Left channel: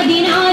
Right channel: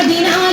Gabino.